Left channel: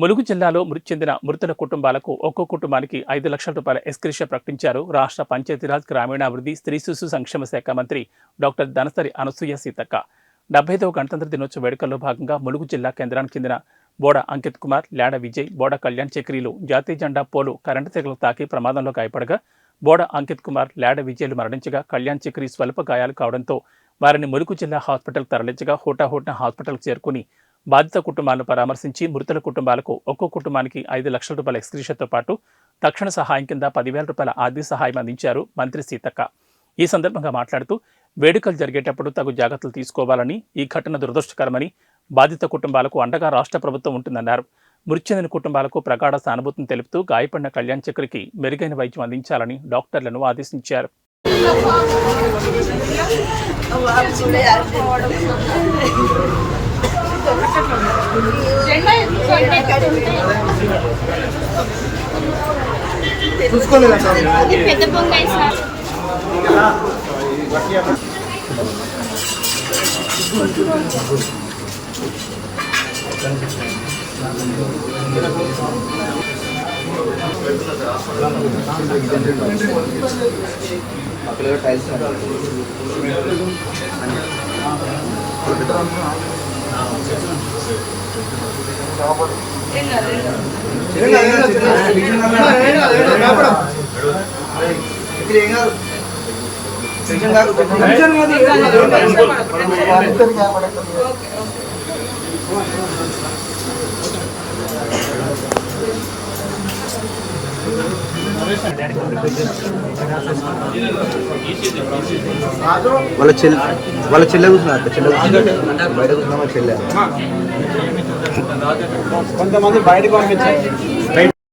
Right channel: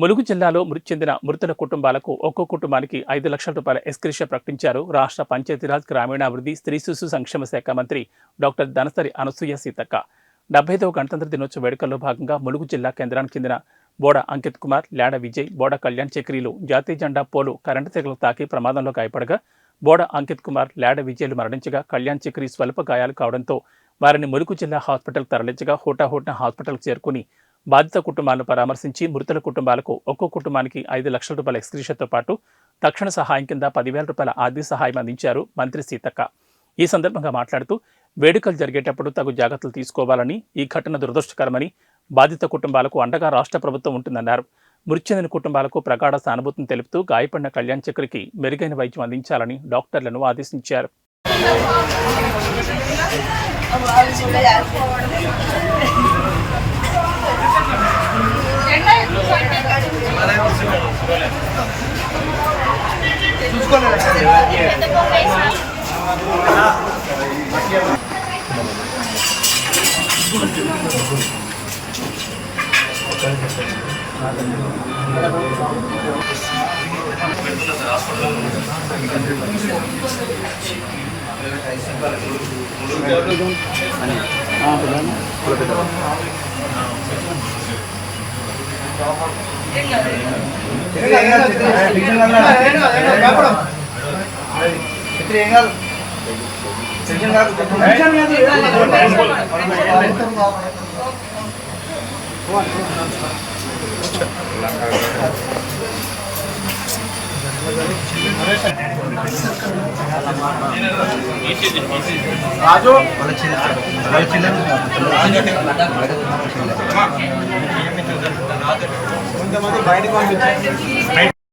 ములుగు జిల్లాలో మృతి చెందిన మృతుల కుటుంబాలకు ఒక్కో కుటుంబానికి 5 లక్షల రూపాయల ఎక్స్‌గ్రేషియా ప్రకటించారు రాష్ట్ర పంచాయతీరాజ్ గ్రామీణాభివృద్ధి స్త్రీ శిశు సంక్షేమ శాఖ మంత్రి డాక్టర్ ధనసరి అనసూయ సీతక్క 75వ గణతంత్ర దినోత్సవ వేడుకల్లో భాగంగా ములుగు జిల్లా కేంద్రానికి చెందిన బోడ అంకిత్ కుమార్, లాడ విజయ్, బోడ కళ్యాణ్ చక్రీలు జాతీయ జెండా పోలు కరెంటు తీగలకు తాకి ప్రమాదంలో గాయపడగా బోడ అంకిత్ కుమార్, లాడ విజయ్లు మరణించగా కళ్యాణ్ చక్రీ స్వల్ప గాయాలు కావడంతో వారిని ములుగు జిల్లా హాస్పిటల్కు తరలించగా హోటాహోట్న హాస్పిటల్కు చేరుకుని బాధిత కుటుంబాలను పరామర్శించి మృతుల కుటుంబాలకు ఒక్కో కుటుంబానికి 5 లక్షల రూపాయల ఎక్స్‌గ్రేషియాతో పాటు తక్షణ సహాయం కింద 10,000 రూపాయల ఆర్థిక సహాయం అందించారు మంత్రి సీతక్క. ఈ సందర్భంగా మాట్లాడుతూ వేడుకలు జరిగేటప్పుడు తగు జాగ్రత్తలు తీసుకోవాలని, ఈ ఘటన దురదృష్టకరమని, బాధిత కుటుంబాలకు అండగా రాష్ట్ర ప్రభుత్వం ఉంటుందన్నారు. మృతి చెందిన కుటుంబాలకు ప్రగాఢ సానుభూతిని తెలుపుతూ గాయపడిన కళ్యాణ్ చక్రికి మెరుగైన వైద్యం అందించాలని డాక్టర్లను ఆదేశించారు. వాళ్ళ చెల్లె కొంతమంది బయటకు పంపించారు.